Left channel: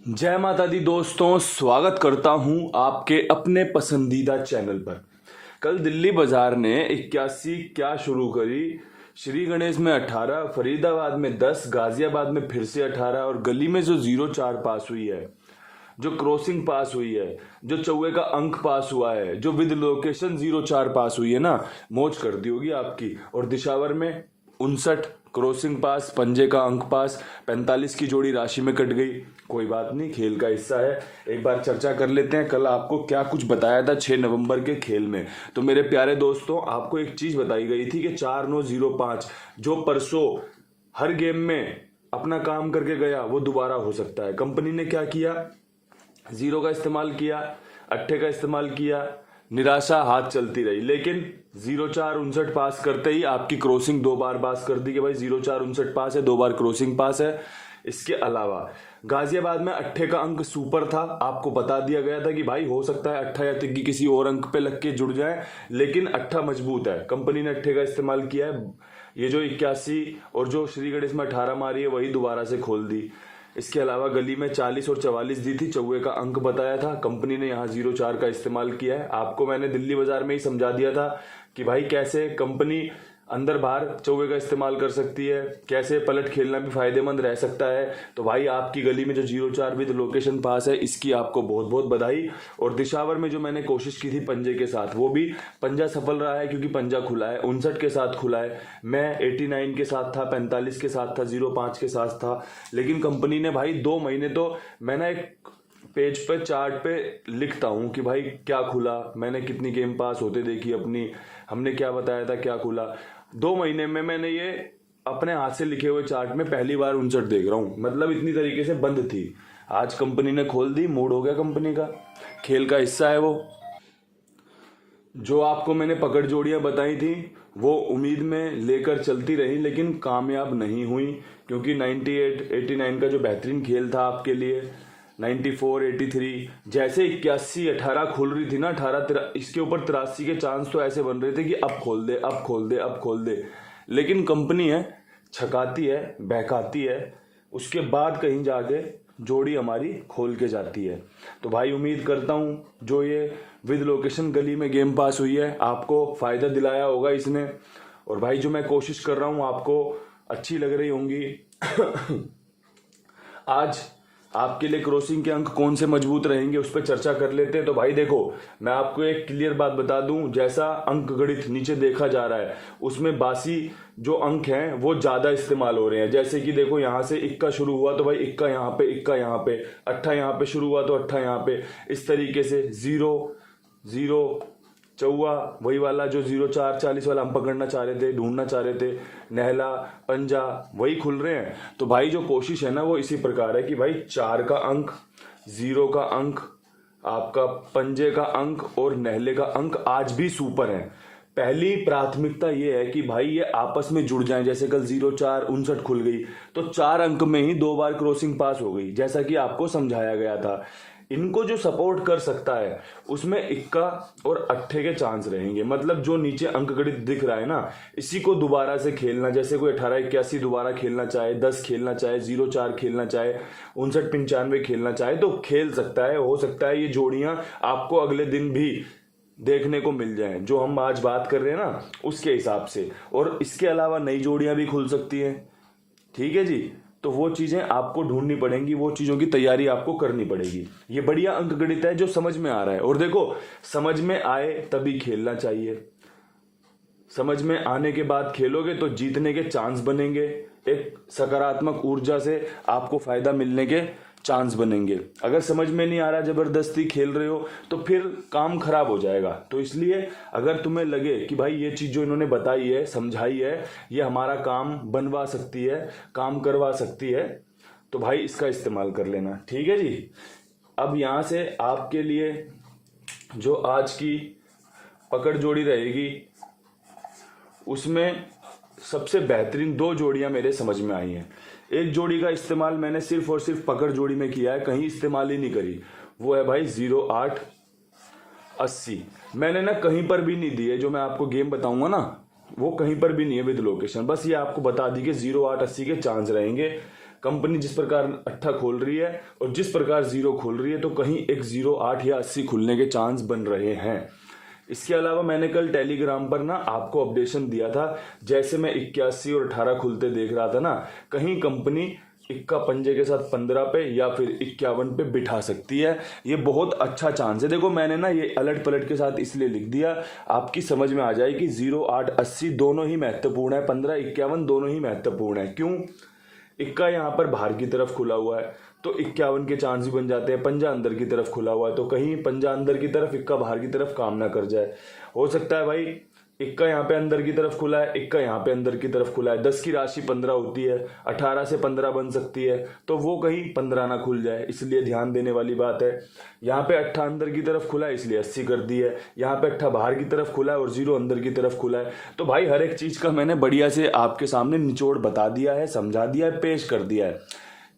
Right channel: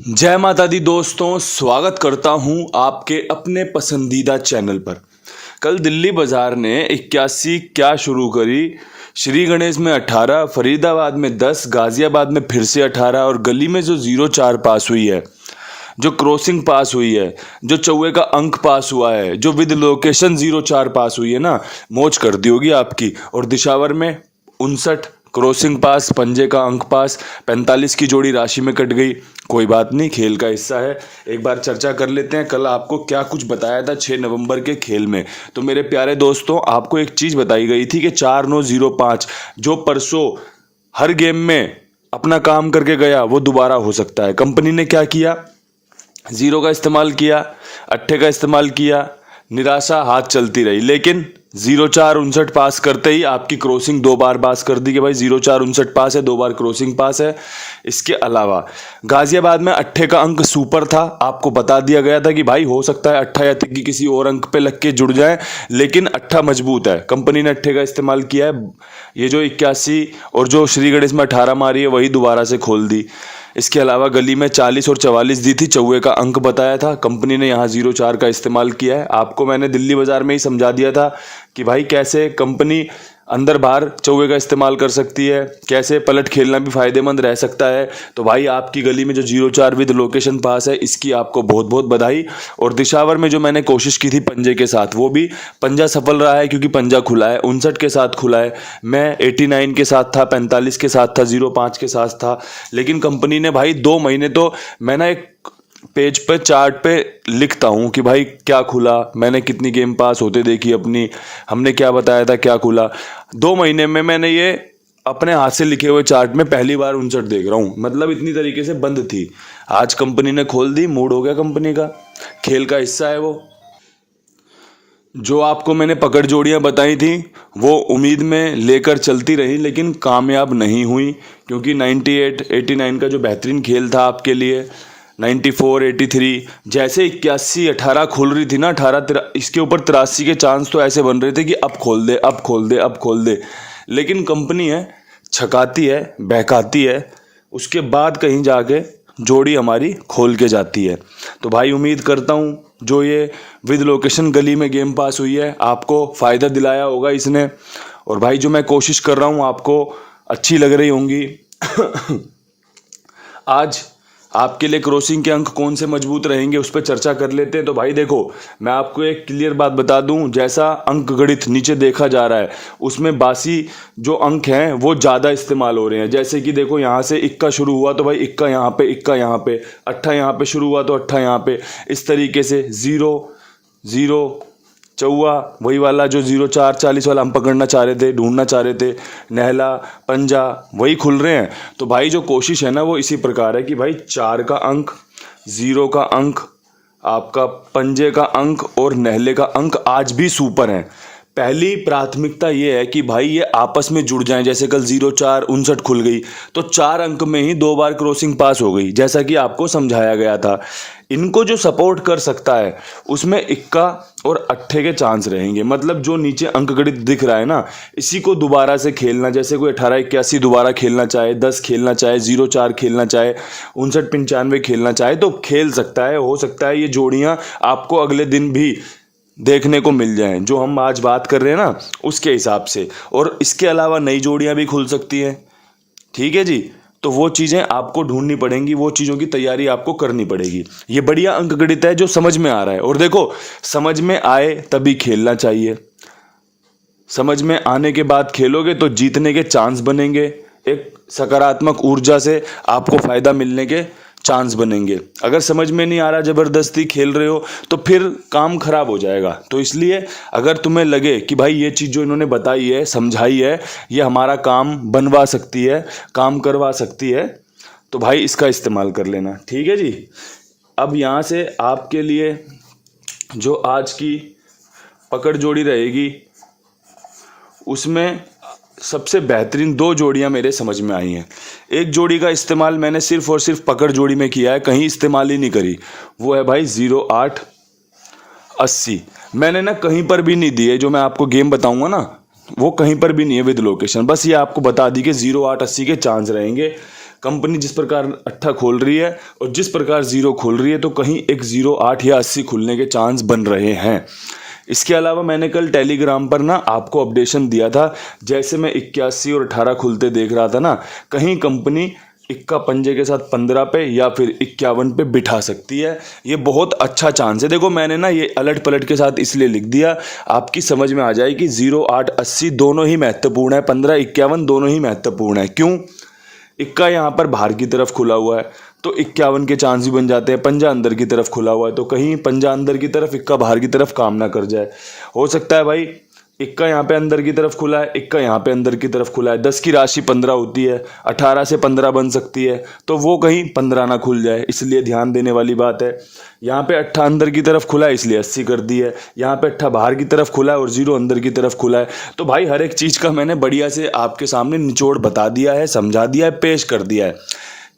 जय माता दी दोस्तों, स्वागत करता हूं आपके अपने पसंदीदा चैनल पर। कल दिल्ली बाजार ने 81 क्या शुरू करी। श्री गणेश में 18, फरीदाबाद में 10, गाजियाबाद में फिर से 18 और गली में जो 04 पास हुई है, जो क्रॉसिंग पास हुई है, जो चौवे का अंक पास हुआ है, जो विद लोकेशन 04 पास हुई है ना, मौज कर दी होगी आपकी। और दिशावर में 59 क्रॉसिंग पास, पंजे का अंक पास, 45 की जोड़ी राशि में कट गई। कोई बात नहीं, खेल का हिस्सा है। एक बार चर्चा कर लेते हैं कल आपको क्या कुछ बताया था 6 नवंबर के खेल में। तो मेरे प्यारे दोस्तों, आपको एक चीज़ बताई गई थी कि 4905 जो परसों हर गेम में अपना काम करके गया वो दोबारा हो सकता है। कंपनी ने क्या किया? 0 का इस्तेमाल किया, अट्ठे का इस्तेमाल किया, निराशा हाथ चलती रही, लेकिन 0459 पास करते ही आपकी क्रॉसिंग 2 बार पास कर दी कि भाई 0459 पास है, 2 बार क्रॉसिंग पास है। इसके अलावा गाजियाबाद में अट्ठे का अंक सुपर था। आपको बता दिया गया था कि भाई हो सकता है अट्ठा या तिक्की किसी और अंक पे लग के जुड़ जाए, लेकिन अट्ठा मजबूत है। कंपनी ने अट्ठे का इस्तेमाल किया है। ये जो 81 और जो श्री गणेश में 18 मारी है वही दोबारा से खोल दी। इसके अलावा गली में 40 और 44 दी थी, चौवे का अंक बताया था। कंपनी ने यहाँ 04 का इस्तेमाल किया है। आपको मैंने दिल्ली बाजार में ही समझा दिया था कि भाई कैसे कंपनी अंदर बाहर चौवे का इस्तेमाल कर सकती है, कैसे पलट खेलना भी फायदेमंद रह सकता है। तो भाई आपकी गली में जो 04 विद लोकेशन पास है, इसकी आपको बहुत बहुत बधाई। और दिशावर में जो मैंने कोशिश की थी पंजे के साथ, वो भी पंजा सफल रहा है क्योंकि पंजा खुला है। 59 के साथ खुला है। मैं 89 के साथ था, 45 के साथ था, 05 के साथ था। लेकिन कंपनी ने भाई 2 महीने, तो मैं ना एक पेज पे चार्ट पे लिखता हूँ कि भाई क्या खुला, मैंने कितनी गेम पास होते देखी अपनी, हमने क्या बताया था, क्या खुला। 2 महीने में मैंने ये अपने हाथ से लिखे हुए चार्ट में पहली बार 59 देख रहा हूँ। मतलब इतनी तरीके से बंद थी, आज कंपनी ने खोल दी। मूड हो गया कंपनी का, खेल का हिस्सा है वो। जो आपको मैंने पकड़ जोड़ियां बताई थी वो उम्मीद में लेकर चलती रही, लेकिन कामयाब नहीं हुई, क्योंकि 98 89 का जो बेहतरीन खेल था आपके लिए, 94 83 जैसे 81 18 खुल रही थी ना, 18 इसके ऊपर 83 के चांस तो ऐसे बन रहे थे कि अब खोल दे, अब खोल दे, अब खोल दे। लेकिन कंपनी है, छकाती है, बहकाती है, उसके बाद कहीं जाके जोड़ी हमारी खोल के जाती है। तो भाई उम्मीद करता हूँ जो ये विद लोकेशन गली में गेम पास हुई है आपको फ़ायदा दिलाया होगा इसने। और भाई जो मैं कोशिश कर रहा हूँ आपको अच्छी लग रही होंगी। आज आपके लिए क्रॉसिंग के अंक कौन से मजबूत रहेंगे उस पर चर्चा कर लेते हैं। तो भाई देखो, मैं आपको एक क्लियर बात बता दूं, जैसा अंक गणित नीचे देखा जा रहा है उसमें बासी जो अंक हैं वो ज़्यादा इस्तेमाल हो रहे हैं। जैसे कि देखो, यहाँ से इक्का शुरू हुआ तो भाई इक्का यहाँ पे, इक्का यहाँ पे, अट्ठा यहाँ पे शुरू हुआ तो अट्ठा यहाँ पे, इस तरीके से 0 0 चौवा वही वाला जो 04 40 वाला हम पकड़ना चाह रहे थे, ढूंढना चाह रहे थे, नहला पंजा वही खुल रहे हैं। तो भाई जो कोशिश है ना वो इसी प्रकार है कि भाई 4 का अंक, 0 का अंक, आपका पंजे का अंक और नहले का अंक आज भी सुपर हैं। पहली प्राथमिकता ये है कि भाई ये आपस में जुड़ जाएं। जैसे कल 04 59 खुल गई तो 4 अंक में ही 2 बार क्रॉसिंग पास हो गई, जैसा कि आपको समझाया गया था। इनको जो सपोर्ट कर सकता है उसमें इक्का और अट्ठे के चांस रहेंगे। मतलब जो नीचे अंक गणित दिख रहा है ना, इसी को दोबारा से खेलना, जैसे कोई 18 81 दोबारा खेलना चाहे, 10 खेलना चाहे, 04 खेलना चाहे, 59 95 खेलना चाहे तो खेल सकता है। हो सकता है ये जोड़ियां आपको अगले दिन भी देखने को मिल जाएं, जो हम आज बात कर रहे हैं ना उसके हिसाब से। और इसके अलावा नई जोड़ियां भी खुल सकती हैं। ठीक है जी, तो वो चीज़ें आपको ढूंढनी पड़ेंगी, वो चीज़ों की तैयारी आपको करनी पड़ेगी। ये बढ़िया अंक गणित है जो समझ में आ रहा है। और देखो, समझ में आए तभी खेलना चाहिए। समझ में आने के बाद खेलोगे तो जीतने के चांस बनेंगे, एक सकारात्मक ऊर्जा से आपको फायदा मिलने के चांस बनेंगे। अगर समझ में नहीं आ रहा, जबरदस्ती खेल रहे हो तो फिर काम खराब हो जाएगा। तो इसलिए अगर तुम्हें लगे कि भाई ये चीज़ जो इन्होंने बताई है, समझाई है, ये हमारा काम बनवा सकती है, काम करवा सकती है, तो भाई इसका इस्तेमाल कर लेना। ठीक है जी। अब यहाँ से आपके लिए जो आज की पकड़ जोड़ी रहेगी उसमें सबसे बेहतरीन 2 जोड़ियां मेरे समझ में आई हैं। एक जोड़ी का इस्तेमाल मैंने सिर्फ और सिर्फ पकड़ जोड़ी में किया है, कहीं इस्तेमाल ही नहीं करी। वो है भाई 08 80। मैंने ना कहीं पर भी नहीं दी है, जो मैं आपको गेम बताऊंगा ना वो कहीं पर भी नहीं है विद लोकेशन। बस ये आपको बता दी कि 08 80 के चांस रहेंगे। कंपनी जिस प्रकार अट्ठा खोल रही है और जिस प्रकार जीरो खोल रही है, तो कहीं एक 08 या 80 खुलने के चांस बन रहे हैं। इसके अलावा मैंने कल टेलीग्राम पर ना आपको अपडेशन दिया था, जैसे मैं 81 और 18 खुलते देख रहा था ना, कहीं कंपनी इक्का पंजे के साथ 15 पे या फिर 51 पे बिठा सकती है। ये बहुत अच्छा चांस है। देखो मैंने ना ये अलट पलट के साथ इसलिए लिख दिया, आपकी समझ में आ जाए कि 08 80 दोनों ही महत्वपूर्ण है, 15 51 दोनों ही महत्वपूर्ण है। क्यों? इक्का यहाँ पर बाहर की तरफ खुला हुआ है तो 51 के चांस भी बन जाते हैं। पंजा अंदर की तरफ खुला हुआ है तो कहीं पंजा अंदर की तरफ इक्का बाहर की तरफ काम ना कर जाए। हो सकता है भाई इक्का यहाँ पे अंदर की तरफ खुला है, इक्का यहाँ पे अंदर की तरफ खुला है, 10 की राशि 15 होती है, 18 से 15 बन सकती है, तो वो कहीं 15 ना खुल जाए, इसलिए ध्यान देने वाली बात है। यहाँ पे अट्ठा अंदर की तरफ खुला है इसलिए 80 कर दी है, यहाँ पे अट्ठा बाहर की तरफ खुला है और 0 अंदर की तरफ खुला है। तो भाई हर एक चीज़ का मैंने बढ़िया से आपके सामने निचोड़ बता दिया है, समझा दिया है, पेश कर दिया है।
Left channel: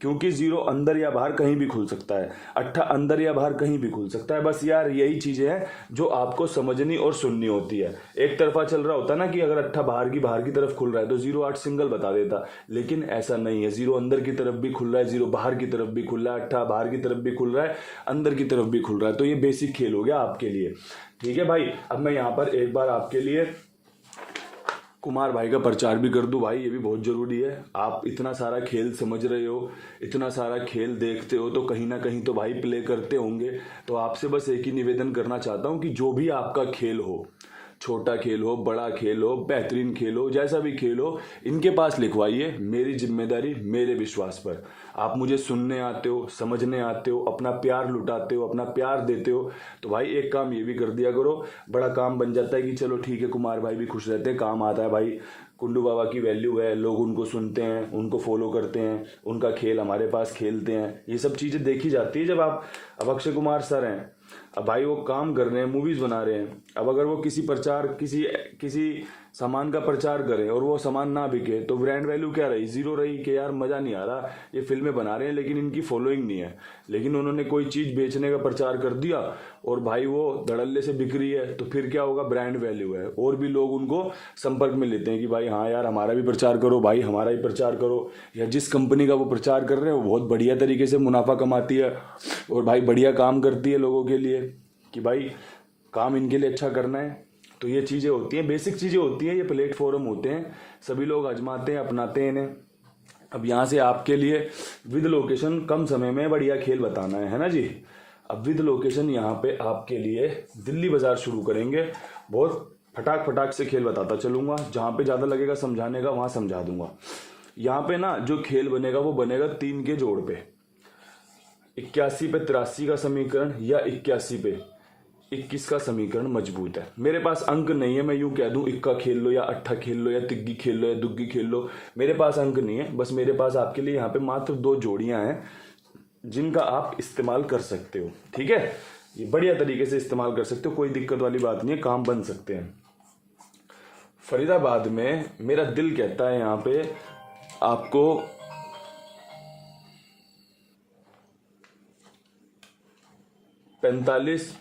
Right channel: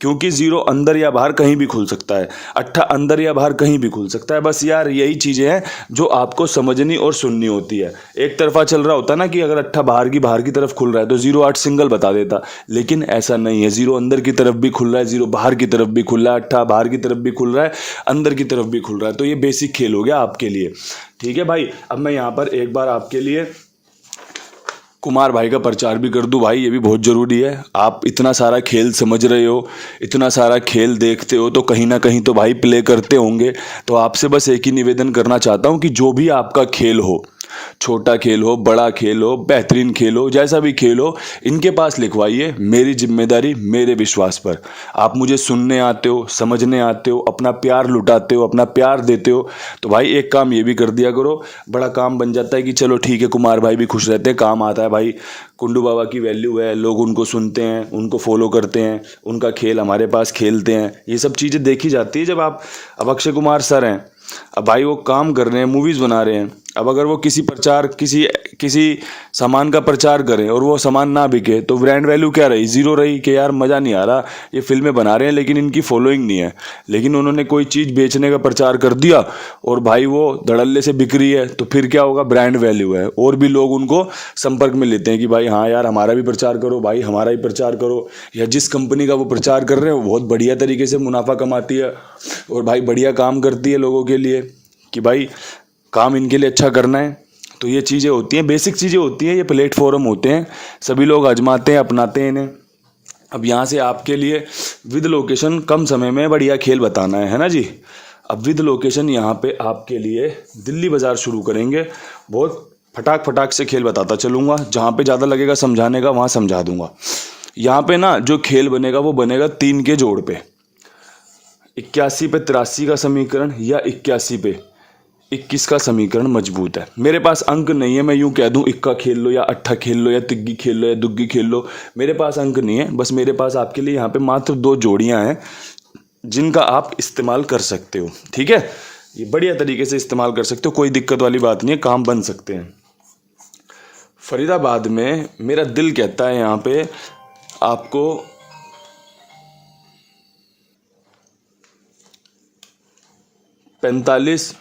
क्योंकि 0 अंदर या बाहर कहीं भी खुल सकता है, अट्ठा अंदर या बाहर कहीं भी खुल सकता है। बस यार यही चीज़ें हैं जो आपको समझनी और सुननी होती है। एक तरफा चल रहा होता ना कि अगर अट्ठा बाहर की तरफ खुल रहा है तो 08 सिंगल बता देता, लेकिन ऐसा नहीं है। 0 अंदर की तरफ भी खुल रहा है, 0 बाहर की तरफ भी खुल रहा है, अट्ठा बाहर की तरफ भी खुल रहा है, अंदर की तरफ भी खुल रहा है। तो ये बेसिक खेल हो गया आपके लिए। ठीक है भाई, अब मैं यहाँ पर एक बार आपके लिए कुमार भाई का प्रचार भी कर दूं। भाई ये भी बहुत ज़रूरी है। आप इतना सारा खेल समझ रहे हो, इतना सारा खेल देखते हो, तो कहीं ना कहीं तो भाई प्ले करते होंगे। तो आपसे बस एक ही निवेदन करना चाहता हूं कि जो भी आपका खेल हो, छोटा खेल हो, बड़ा खेल हो, बेहतरीन खेल हो, जैसा भी खेल हो, इनके पास लिखवाइए। मेरी जिम्मेदारी मेरे विश्वास पर। आप मुझे सुनने आते हो, समझने आते हो, अपना प्यार लुटाते हो, अपना प्यार देते हो, तो भाई एक काम ये भी कर दिया करो, बड़ा काम बन जाता है कि चलो ठीक है कुमार भाई भी खुश रहते हैं, काम आता है। भाई कुंडू बाबा की वैल्यू है, लोग उनको सुनते हैं, उनको फॉलो करते हैं, उनका खेल हमारे पास खेलते हैं, ये सब चीज़ें देखी जाती है। जब आप, अब अक्षय कुमार सर हैं, अब भाई वो काम कर रहे हैं, मूवीज़ बना रहे हैं, अब अगर वो किसी सामान का प्रचार करें और वो सामान ना बिके तो ब्रांड वैल्यू क्या रही? 0 रही कि यार मज़ा नहीं आ रहा, ये फिल्में बना रहे हैं लेकिन इनकी फॉलोइंग नहीं है। लेकिन उन्होंने कोई चीज़ बेचने का प्रचार कर दिया और भाई वो धड़ल्ले से बिक रही है, तो फिर क्या होगा? ब्रांड वैल्यू है और भी लोग उनको संपर्क में लेते हैं कि भाई हाँ यार हमारा भी प्रचार करो, भाई हमारा ही प्रचार करो। या जिस कंपनी का वो प्रचार कर रहे हैं वो बहुत बढ़िया तरीके से मुनाफा कमाती है और भाई बढ़िया काम करती है लोगों के लिए कि भाई काम इनके लिए अच्छा करना है। तो ये चीज़ें होती हैं, बेसिक चीज़ें होती हैं, ये प्लेटफॉर्म होते हैं, सभी लोग आजमाते हैं, अपनाते हैं इन्हें। अब यहाँ से आपके लिए विद लोकेशन कम समय में बढ़िया खेल बताना है ना जी। अब विद लोकेशन यहाँ पे आपके लिए दिल्ली बाज़ार शुरू करेंगे। बहुत फटाक से खेल बताता चलूँगा, जहाँ पे ज़्यादा लगेगा समझाने का वहाँ समझा दूँगा। यहाँ पे ना जो खेल बनेगा वो बनेगा 3 के जोड़ पे, 81 पे 83 का समीकरण या 81 पे 21 का समीकरण मजबूत है। मेरे पास अंक नहीं है, मैं यूं कह दूं इक्का खेल लो या अट्ठा खेल लो या तिग्गी खेल लो या दुग्गी खेल लो, मेरे पास अंक नहीं है। बस मेरे पास आपके लिए यहाँ पे मात्र 2 जोड़ियाँ हैं जिनका आप इस्तेमाल कर सकते हो। ठीक है, ये बढ़िया तरीके से इस्तेमाल कर सकते हो, कोई दिक्कत वाली बात नहीं है, काम बन सकते हैं। फरीदाबाद में मेरा दिल कहता है यहाँ पे आपको 45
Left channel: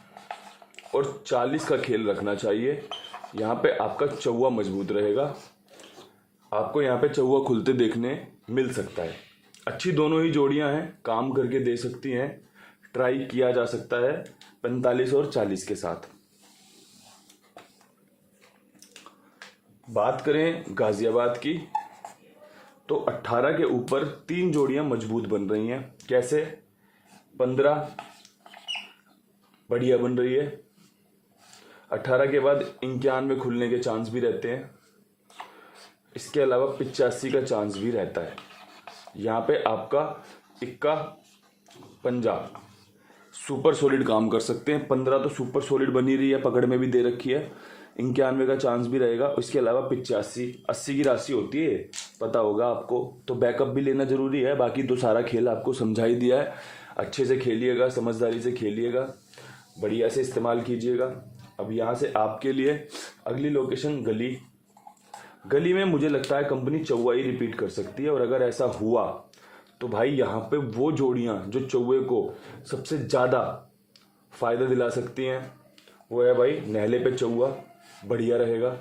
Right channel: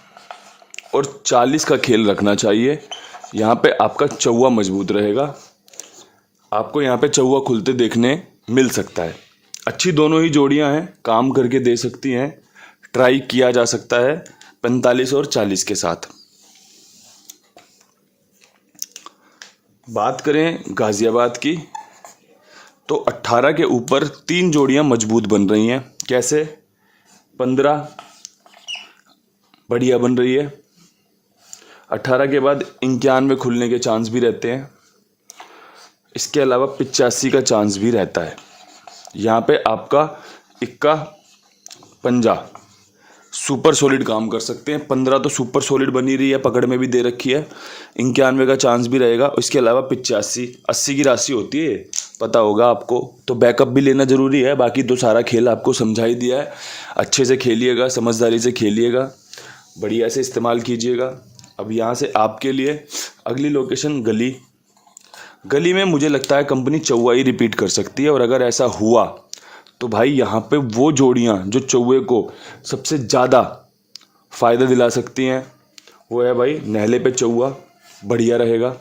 और 40 का खेल रखना चाहिए। यहाँ पे आपका चौवा मजबूत रहेगा, आपको यहाँ पे चौवा खुलते देखने मिल सकता है। अच्छी दोनों ही जोड़ियाँ हैं, काम करके दे सकती हैं, ट्राई किया जा सकता है 45 और 40 के साथ। बात करें गाजियाबाद की तो 18 के ऊपर 3 जोड़ियाँ मजबूत बन रही हैं। कैसे? 15 बढ़िया बन रही है, 18 के बाद 91 खुलने के चांस भी रहते हैं, इसके अलावा 85 का चांस भी रहता है। यहाँ पे आपका इक्का पंजा सुपर सॉलिड काम कर सकते हैं। 15 तो सुपर सॉलिड बनी रही है, पकड़ में भी दे रखी है, 91 का चांस भी रहेगा। इसके अलावा 85 80 की राशि होती है, पता होगा आपको, तो बैकअप भी लेना ज़रूरी है। बाकी तो सारा खेल आपको समझा ही दिया है, अच्छे से खेलिएगा, समझदारी से खेलिएगा, बढ़िया से इस्तेमाल कीजिएगा। अब यहाँ से आपके लिए अगली लोकेशन गली में मुझे लगता है कंपनी चौवा ही रिपीट कर सकती है। और अगर ऐसा हुआ तो भाई यहाँ पे वो जोड़ियाँ जो चौवे को सबसे ज़्यादा फ़ायदा दिला सकती हैं वो है भाई नहले पे चौवा, बढ़िया रहेगा।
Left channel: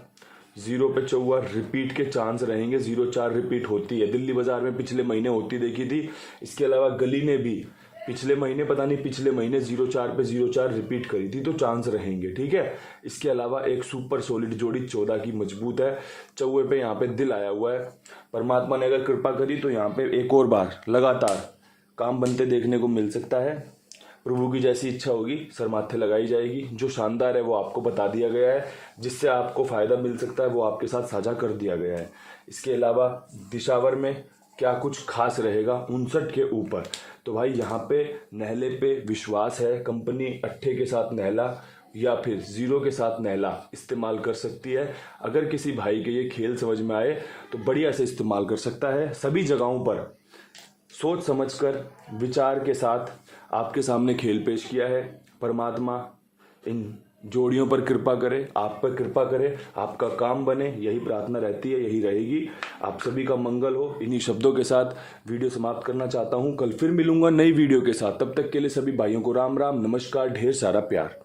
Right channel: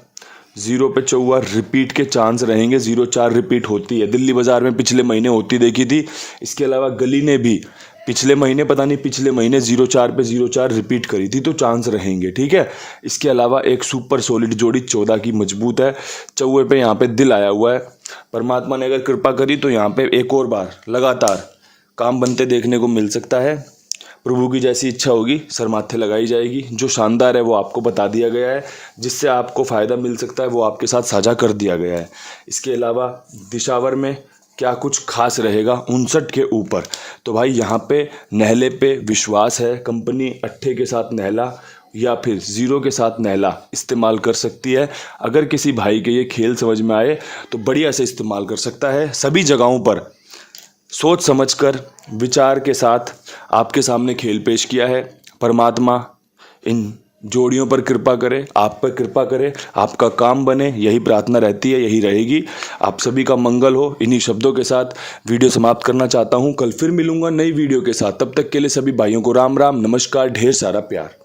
0 पे चौवा रिपीट के चांस रहेंगे। 0-4 रिपीट होती है, दिल्ली बाजार में पिछले महीने होती देखी थी। इसके अलावा गली ने भी पिछले महीने 0-4 पे 0-4 रिपीट करी थी, तो चांस रहेंगे, ठीक है। इसके अलावा एक सुपर सॉलिड जोड़ी 14 की मजबूत है। चौवे पे यहाँ पे दिल आया हुआ है। परमात्मा ने अगर कृपा करी तो यहाँ पे एक और बार लगातार काम बनते देखने को मिल सकता है। प्रभु की जैसी इच्छा होगी सर माथे लगाई जाएगी। जो शानदार है वो आपको बता दिया गया है, जिससे आपको फ़ायदा मिल सकता है वो आपके साथ साझा कर दिया गया है। इसके अलावा दिशावर में क्या कुछ खास रहेगा 59 के ऊपर, तो भाई यहाँ पे नहले पे विश्वास है। कंपनी अट्ठे के साथ नहला या फिर 0 के साथ नहला इस्तेमाल कर सकती है। अगर किसी भाई के ये खेल समझ में आए तो बढ़िया से इस्तेमाल कर सकता है। सभी जगहों पर सोच समझकर विचार के साथ आपके सामने खेल पेश किया है। परमात्मा इन जोड़ियों पर कृपा करे, आप पर कृपा करे, आपका काम बने, यही प्रार्थना रहती है, यही रहेगी। आप सभी का मंगल हो। इन्हीं शब्दों के साथ वीडियो समाप्त करना चाहता हूँ। कल फिर मिलूंगा नई वीडियो के साथ। तब तक के लिए सभी भाइयों को राम राम, नमस्कार, ढेर सारा प्यार।